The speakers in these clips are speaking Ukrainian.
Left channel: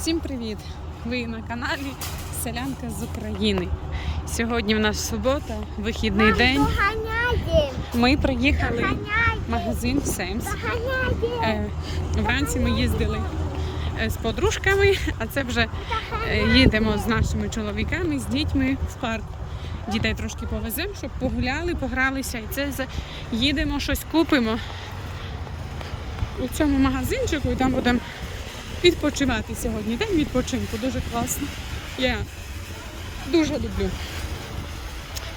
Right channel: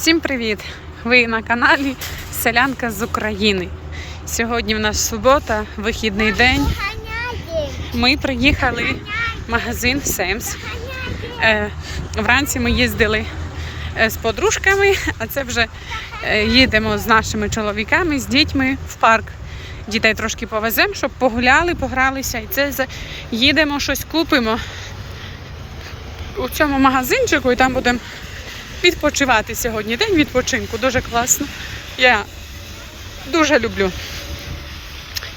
Всім привіт! Ви на каналі Селянка з України. Сьогодні в нас субота, вихідний день. Ми приїхали в магазин Семс. Е, Вранці ми їздили е, з подружками, а це вже е, їдемо з нашими чоловіками, з дітьми в парк. Дітей трошки повеземо, щоб погуляли, погралися. І це їдемо, щось купимо у цьому магазинчику, і там будемо відпочивати сьогодні. День відпочинку. Дуже класно. Я дуже люблю.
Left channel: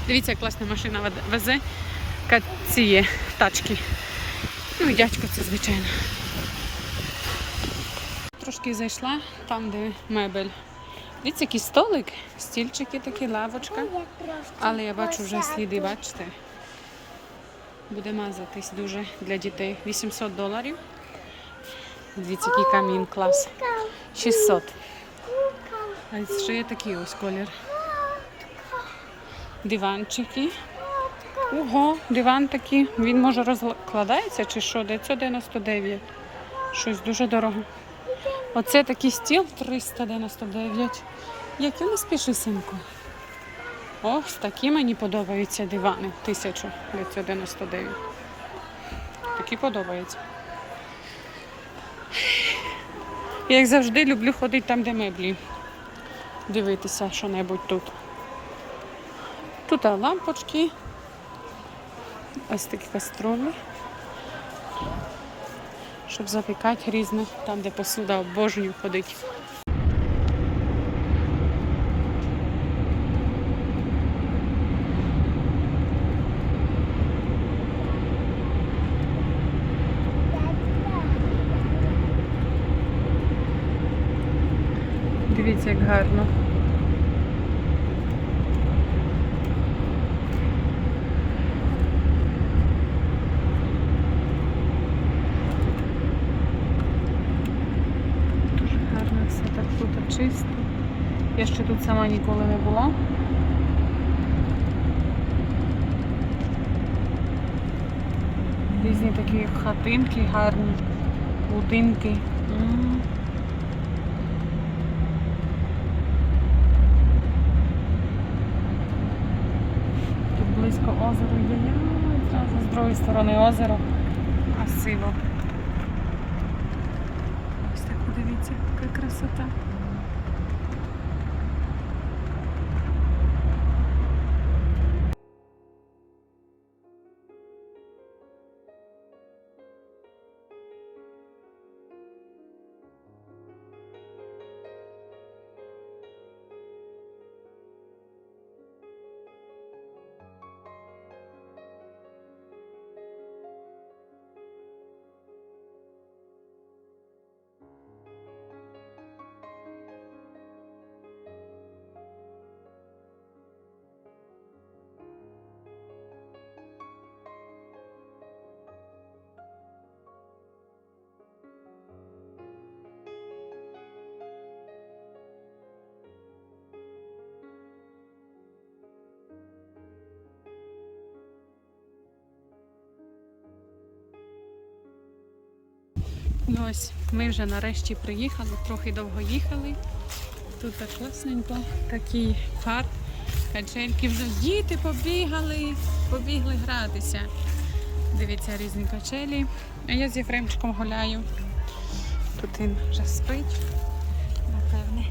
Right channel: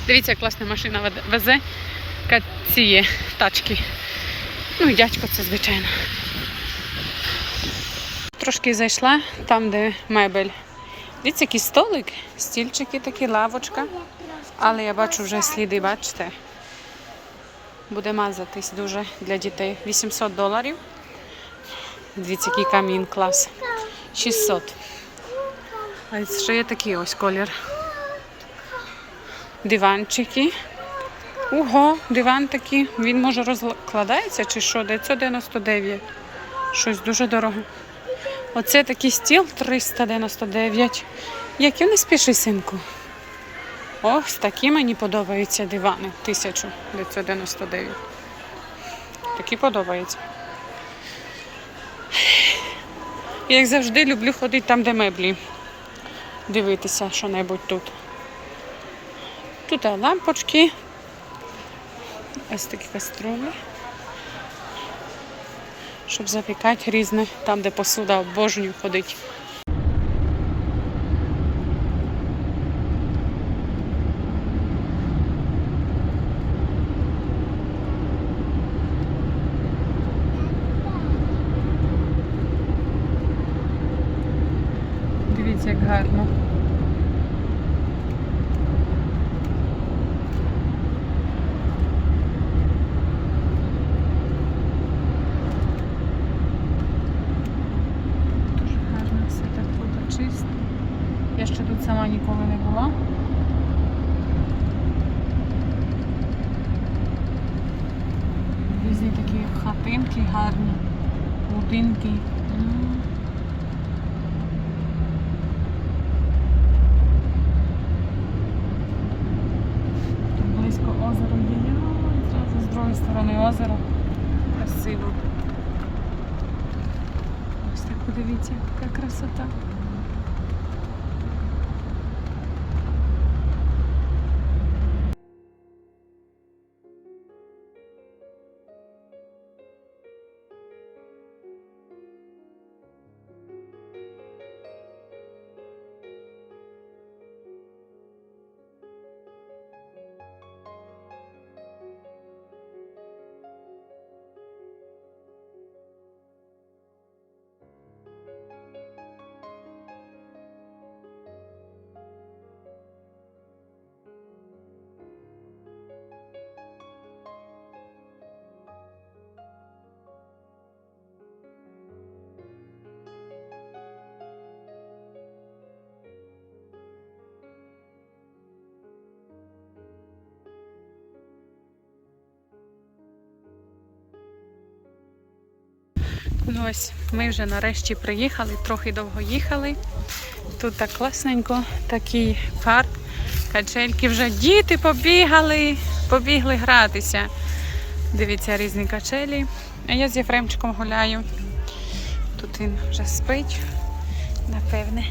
Дивіться, як класна машина везе ка- ці тачки. Ну і дядько це, звичайно. Трошки зайшла там, де мебель. Дивіться, який столик, стільчики такі, лавочка. Але я бачу вже сліди, бачите. Буде мазатись дуже для дітей. 800 доларів. Дивіться, який камін клас. 600. А ще є такий ось колір. Диванчики. Ого, диван такий. Він може розкладається чи що? 999. Щось дуже дорого. Оце такий стіл 399. Які не спіши, синку. Ось такі мені подобаються дивани. 1999. Такі подобаються. Я, як завжди, люблю ходити там, де меблі. Дивитися що-небудь тут. Тут лампочки. Ось такі каструлі. Щоб запікати різне, там, де посуда обожнюю ходить. Дивіться, як гарно. Дуже гарно все так тут чисто. Я ще тут сама ніколи не була. Різні такі хатинки гарні, будинки. Озеро є. З другої сторони озеро. Красиво. Ось так подивіться, яка красота. Ну ось ми вже нарешті приїхали, трохи довго їхали. Тут так класненько, такий парк, качельки вже діти побігали, побігли гратися. Дивіться, різні качелі. А я з Єфремчиком гуляю. Тут він вже спить, напевне.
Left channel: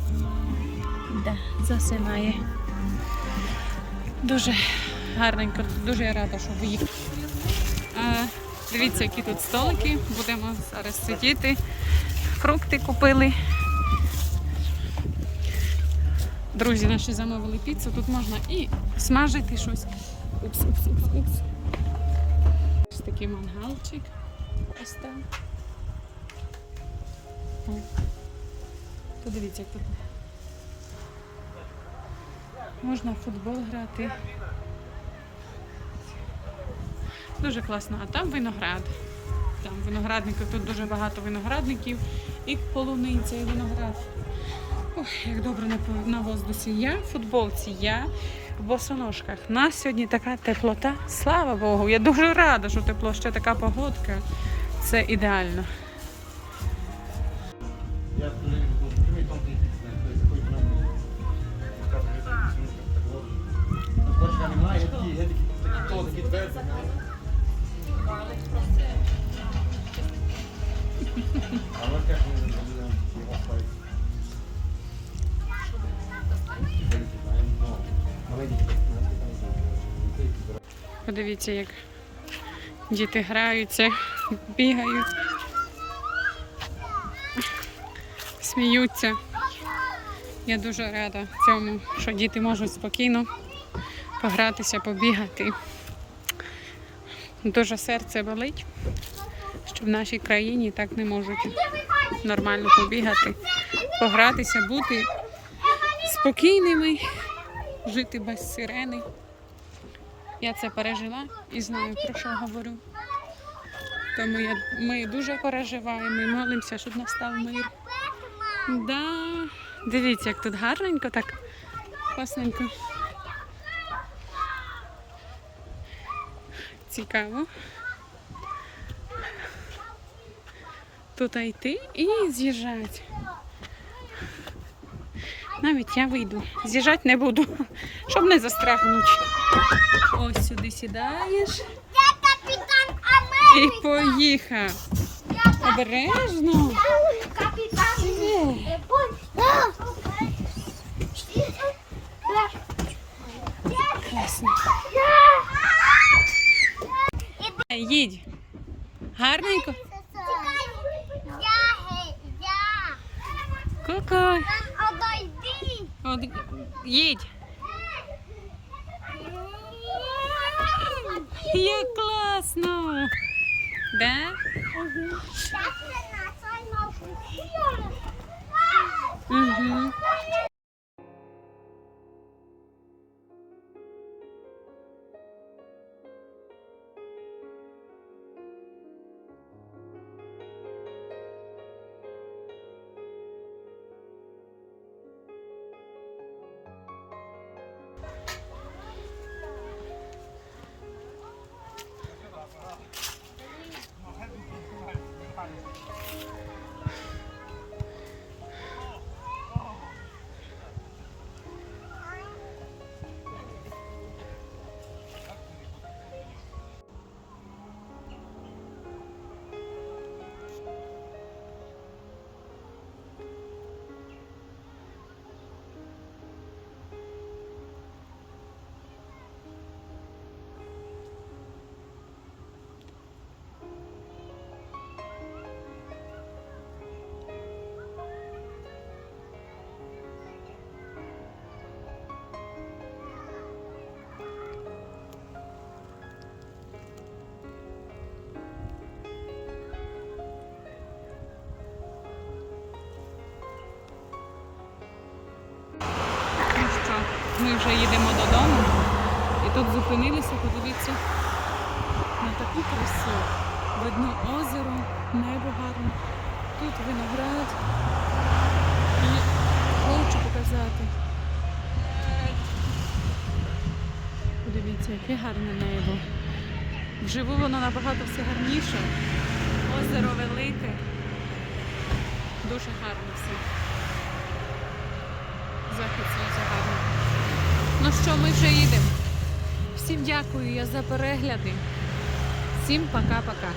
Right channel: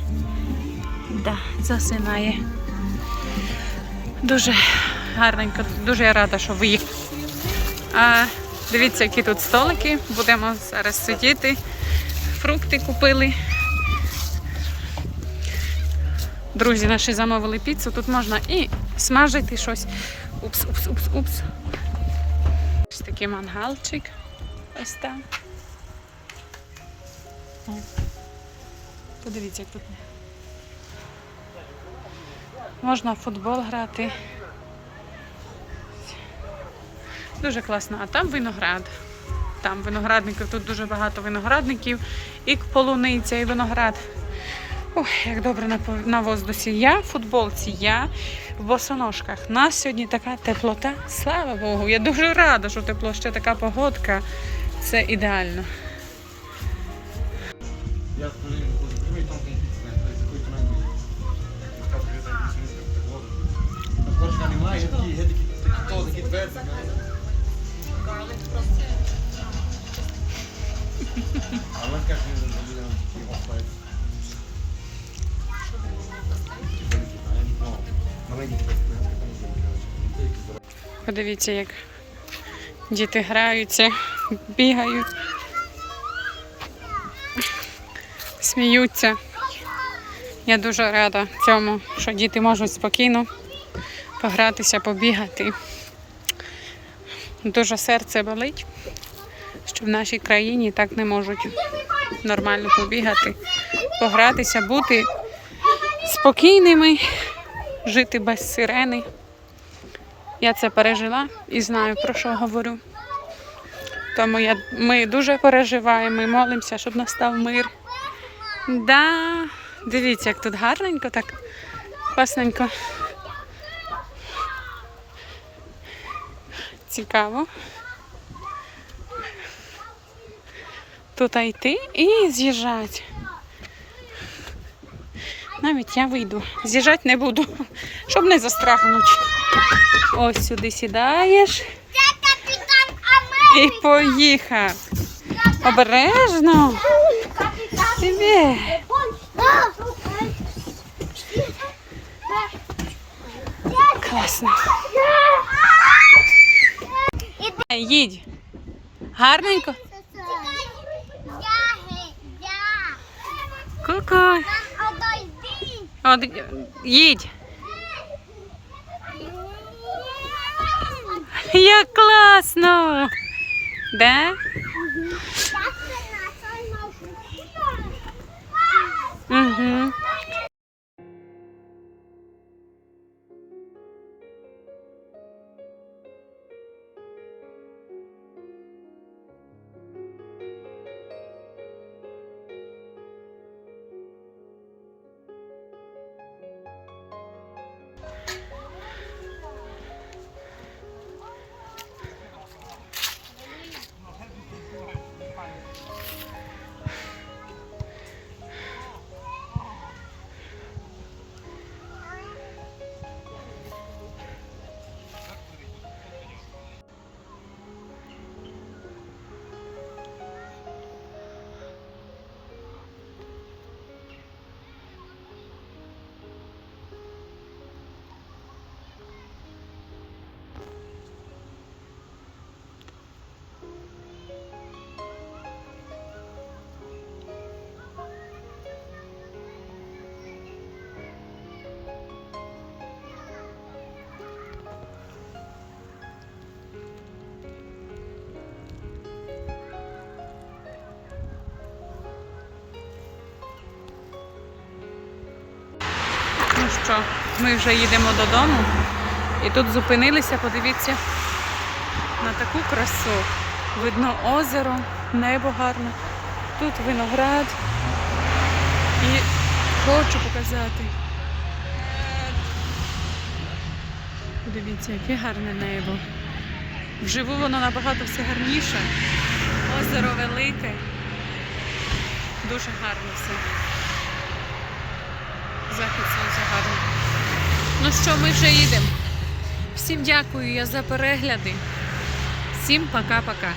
Да, засинає. Дуже гарненько, дуже я рада, що виїхали. Дивіться, які тут столики. Будемо зараз сидіти. Фрукти купили. Друзі наші замовили піцу. Тут можна і смажити щось. Упс, упс, упс, упс. Ось такий мангалчик. Ось там. О. Подивіться, як тут. Можна в футбол грати. Дуже класно. А там виноград. Там виноградників, тут дуже багато виноградників, і полуниця, і виноград. Ой, як добре на, на воздусі. Я в футболці, я в босоножках. У нас сьогодні така теплота. Слава Богу. Я дуже рада, що тепло ще така погодка. Це ідеально. Подивіться, як діти граються, бігають, сміються. Я дуже рада цьому, що діти можуть спокійно погратися, побігати. Дуже серце болить, що в нашій країні так не можуть нормально побігати, погратися, бути спокійними, жити без сирени. Я це пережила і знаю, про що говорю. Тому я, ми дуже переживаємо і молимося, щоб настав мир. Да. Дивіться, як тут гарненько, так класненько. Цікаво. Тут йти і з'їжджати. Навіть я вийду. З'їжджати не буду, щоб не застрахнути. Ось сюди сідаєш і поїхав. Обережно. Тебе. Класно. Е, Їдь. Гарненько. Ку-ку. От, їдь. Як класно. Да? Угу. Ну що, ми вже їдемо додому. І тут зупинилися, подивіться на таку красу. Видно озеро, небо гарне. Тут виноград. І хочу показати. Подивіться, яке гарне небо. Вживу воно набагато все гарніше. Озеро велике. Дуже гарно все. Захід сонця гарний. Ну що, ми вже їдемо. Всім дякую я за перегляди. Всім пока-пока.